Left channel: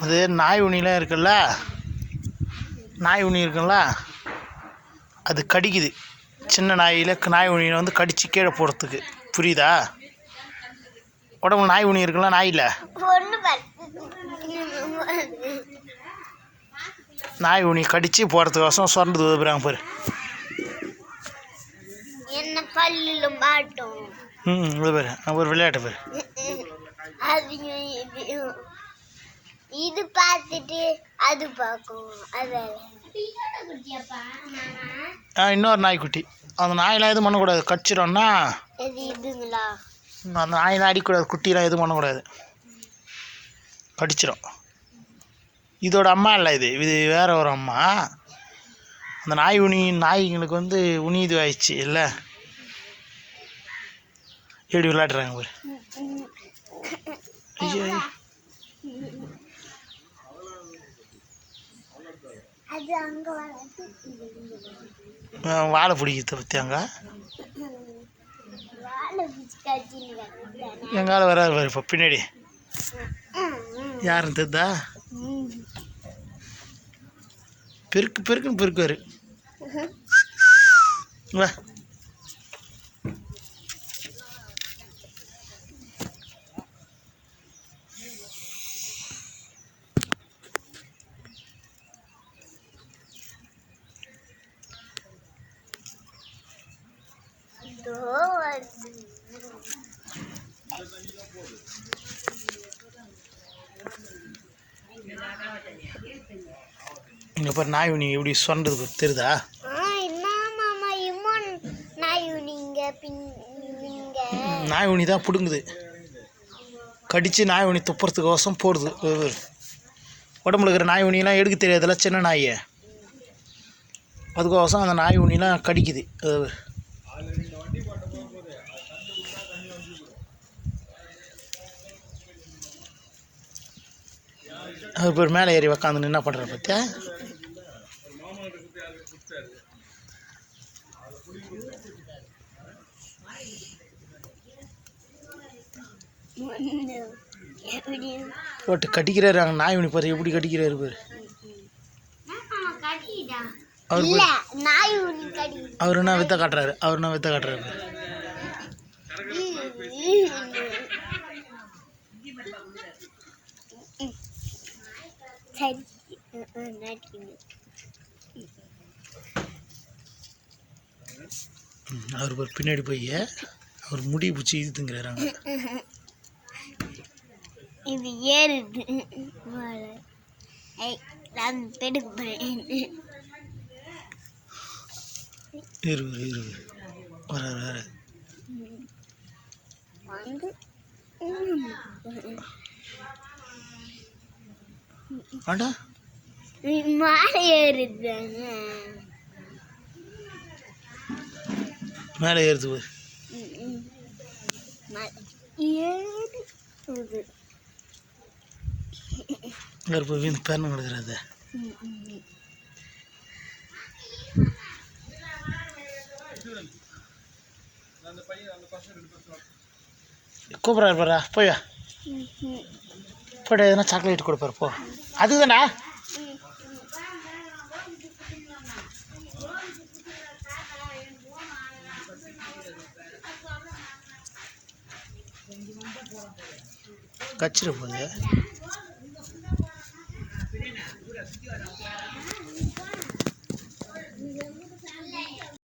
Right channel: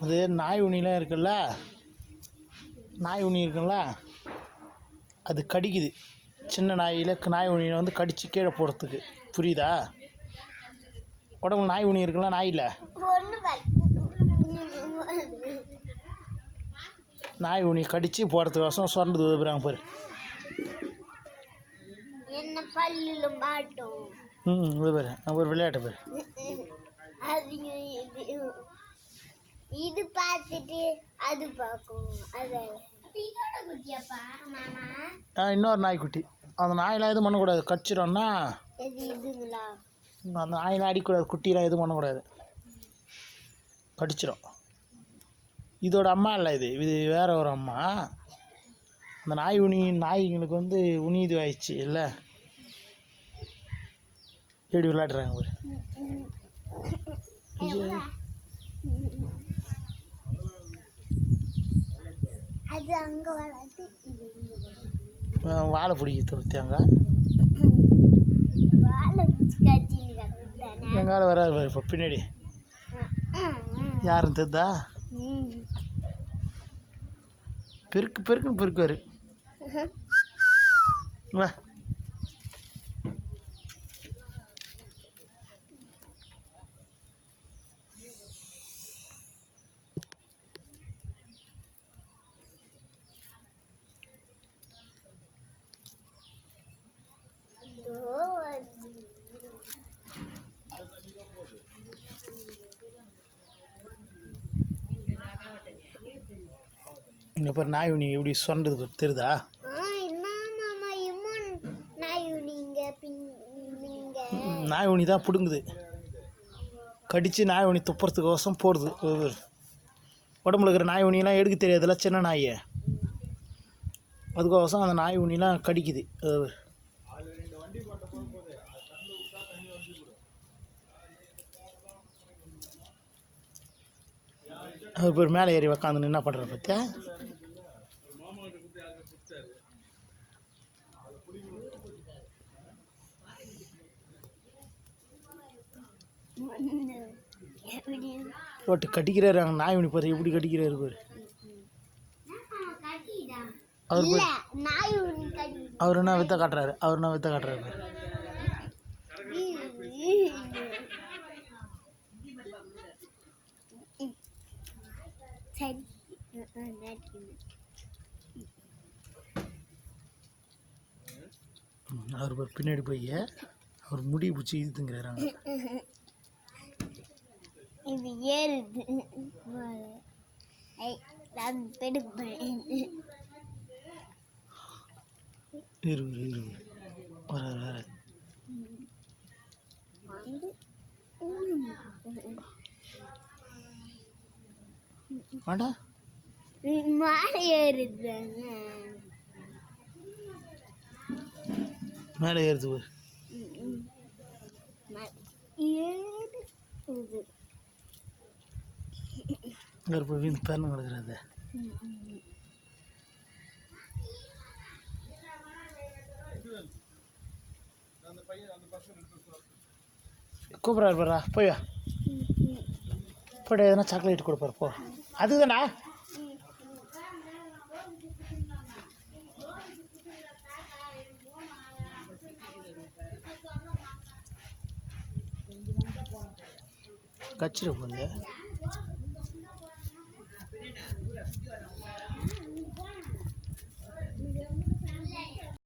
அது நாய் உணிலாம் இருக்குல்ல? நாய் உணி இருக்குல்ல? அது கடிக்குது. சின்ன நாயில் நாய் உணியை வந்து கடித்து கீழே போடுறதுக்கு புரியுதா? உடம்புல நாய் உணி இருக்குல்ல? நாயில் நாய் உனி கடித்து போகிறதுக்கோசம் சுரண்டு உதவுறாங்க பாரு. என்ன ம் இது பாரு. ஒரு விளையாட்டு பாரு. இது பார்த்துட்டு அது பார்க்கும். ஆ இன்னொரு நாய்க்குட்டி. அந்த நாயெல்லாம் எதுவும் பண்ணக்கூடாது. கடிச்சிடும்னா இது இதுங்களா? அந்த நாயெல்லாம் அடிக்கூடாது. குட்டிலாம் எதுவும் பண்ணக்கூடாது. கடிச்சிடும். இதோட அம்மா இல்லை இது. இது வேற ஒரு அம்மா. அந்த நாய் உனி நாய்ங்களுக்கு வந்து உனி இது ஆயிடுச்சு. இல்லை? எப்படி விளையாடுறாங்க பாரு. வாழை பிடிக்கிறத பற்றி அங்கே? எங்கால வராது பாரு இப்போ பின்னாடி. யாருன்னு தெரிதா? பெருக்கு பெருக்குன்னு பெருக்குவார். வா இதோ வருது இங்கே பாரு நாய் உனி எப்படி சொன்னது தெரியுதா? நாய் உனி தான் பிடுங்குது. கடித்து நாய் உனி துப்புறதுக்கோசம் போடுது. உடம்புல இருக்கிற நாய் உனிலாம் எடுக்க தெரியாதுல்ல சின்ன நாயை. அதுக்கோசம் அந்த நாய் உனிலாம் கடிக்குது. அது பேர் மேலே ஏறி உக்காந்து என்ன பண்ணுற பார்த்தியா போட்டு கடிக்கிறாரு அங்கே நாய் உனி பாரு எப்படி கடிக்கிறாரு பாரு. அவர் அவர் என்ன வித்த காட்டுறாரு? அவர் என்ன வித்த காட்டுறாரு? அவர் பின்னாடி போய் அவர் முடி பிடிச்சி இழுத்துங்கிறாங்க இது ஏறுது மேலே. நான் பெடுப்பேன் இருவர் இருவர் வர வர வந்து. ஆண்டா. மாலை மேலே ஏறுது பாரு. ஏறுது அவர் போய் வீந்து பேரணும் கிடக்கிறது. கூப்பிட்றாரு பாரா போய் போய்ட்டு எதனா சாக்லேட் கொடுப்பாரு போ. அதுதானா கச்சிட போகுது.